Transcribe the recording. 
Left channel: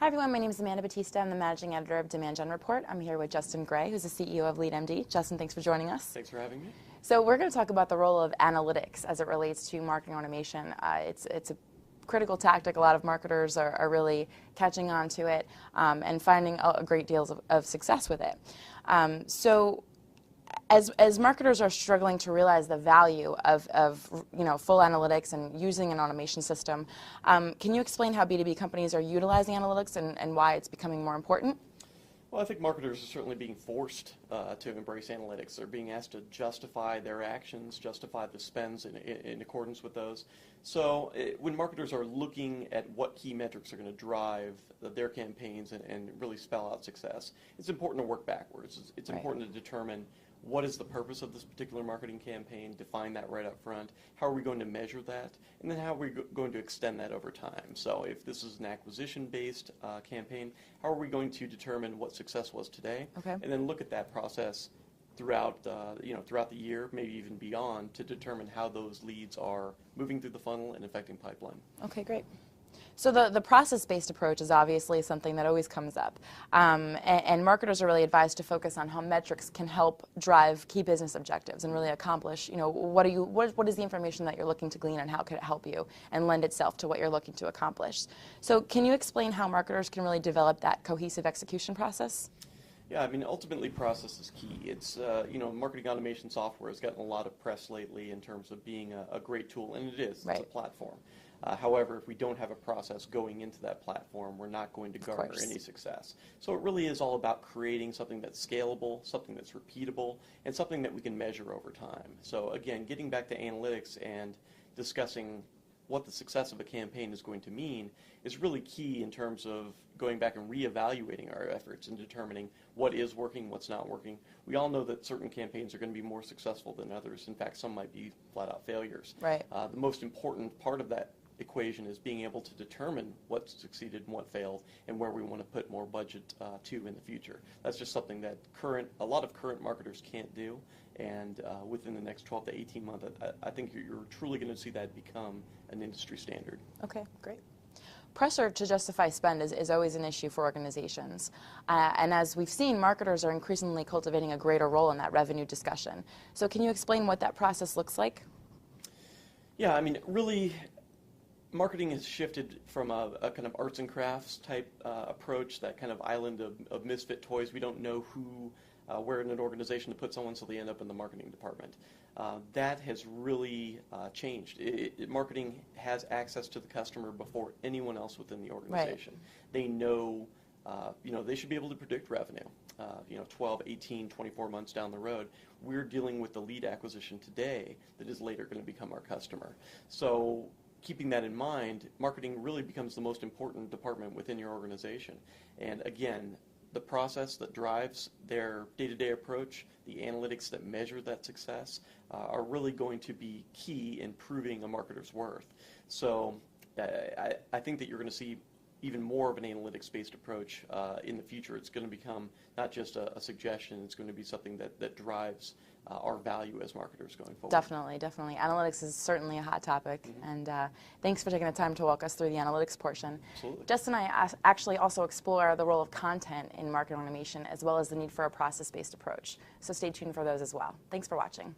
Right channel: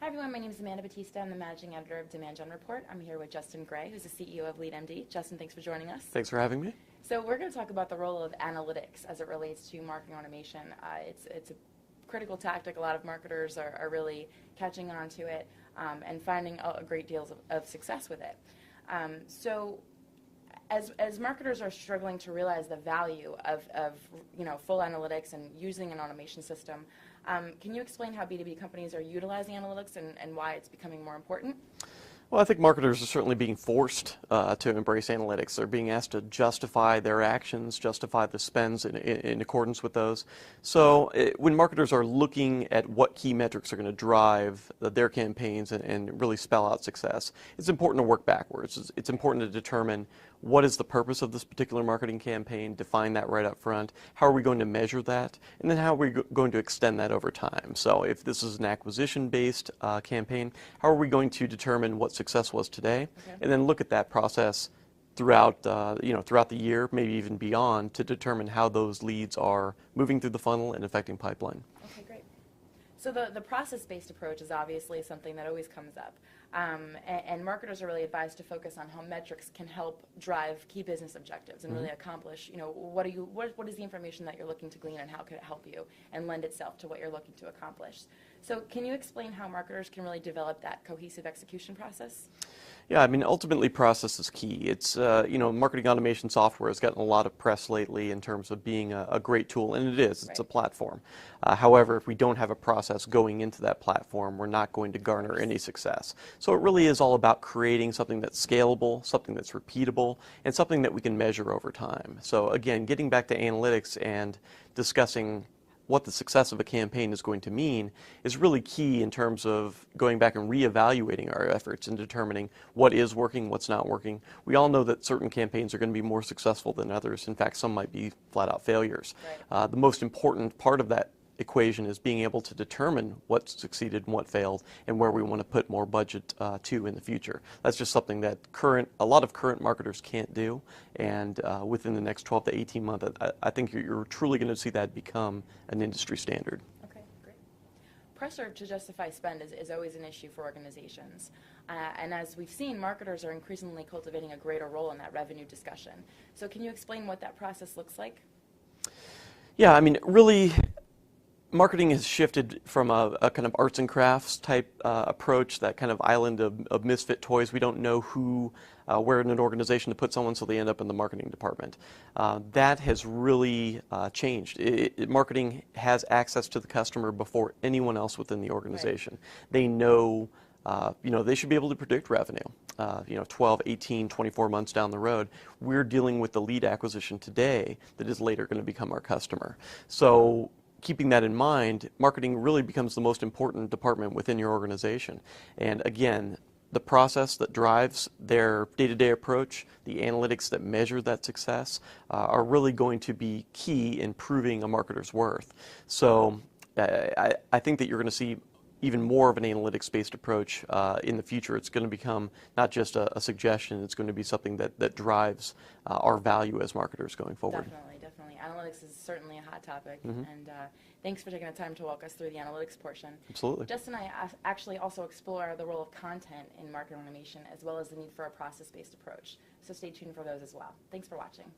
Hi everyone, my name is Amanda Batista. I'm the Managing Editor of Demand Gen Report. I'm here with Justin Gray, who's the CEO of LeadMD. Justin, thanks for joining us. Thanks for having me. So we're going to talk about the role of analytics as it relates to marketing automation. It's a critical tactic. A lot of marketers are really catching on to it and finding a great deal of success with it. As marketers are struggling to realize the value of full analytics and using an automation system, can you explain how B2B companies are utilizing analytics and why it's becoming more important? Well, I think marketers are certainly being forced to embrace analytics. They're being asked to justify their actions, justify the spends in accordance with those. So when marketers are looking at what key metrics are going to drive their campaigns and really spell out success, it's important to work backwards. It's important to determine what is the purpose of this particular marketing campaign, define that right up front, how are we going to measure that, and then how are we going to extend that over time. So if this is an acquisition-based campaign, how are we going to determine what success was today, and then look at that process throughout throughout the year, maybe even beyond, to determine how those leads are moving through the funnel and affecting pipeline. Okay, great. So the process-based approach is obviously something that always comes up, and marketers are really advised to focus on how metrics can help drive key business objectives and really accomplish, what is the information that you're looking to glean and how can it help you and lend itself to what you're looking to accomplish. So can you explain how marketers can really develop that cohesive execution process? Yeah, I mean, ultimately process is key. It's, marketing automation software has gotten a lot of press lately in terms of being a great tool, and it is. It's a platform. However, if we don't have a process going into that platform, we're not going to garner any success. So it really is all about creating something that's scalable, something that's repeatable, and something that we can measure over time. So again, getting back to analytics and discussing what the success of a campaign is going to mean is really key in terms of going back and reevaluating our efforts and determining what is working, what's not working. We all know that certain campaigns are going to be more successful than others. In fact, some might be flat-out failures. The most important part of that equation is being able to determine what succeeded and what failed and where we want to put more budget to in the future. That's just something that a lot of current marketers can't do, and within the next 12 to 18 months, I think you're truly going to see that become an industry standard. Okay, great. Pressure to justify spend is always an issue for organizations. And as we've seen, marketers are increasingly cultivating a greater role in that revenue discussion. So can you explain what that process looks like? Yeah, I mean, really, marketing has shifted from a kind of arts and crafts type approach, that kind of island of misfit toys. We don't know where in an organization to put someone, so they end up in the marketing department. That has really changed. Marketing has access to the customer before anyone else within the organization. They know, they should be able to predict revenue, 12, 18, 24 months down the road. We're dealing with the lead acquisition today that is later going to become our customer. So keeping that in mind, marketing really becomes the most important department within your organization. And again, the process that drives their day-to-day approach, the analytics that measure that success, are really going to be key in proving a marketer's worth. So I think that you're going to see even more of an analytics-based approach in the future. It's going to become not just a suggestion, it's going to be something that drives our value as marketers going forward. Definitely, definitely. Analytics is certainly a hot topic, and thanks for taking the time to walk us through the analytics portion. Absolutely. Justin and I actually also explore the role of content in marketing automation as well as the need for a process-based approach. So stay tuned for those as well. Thanks for watching.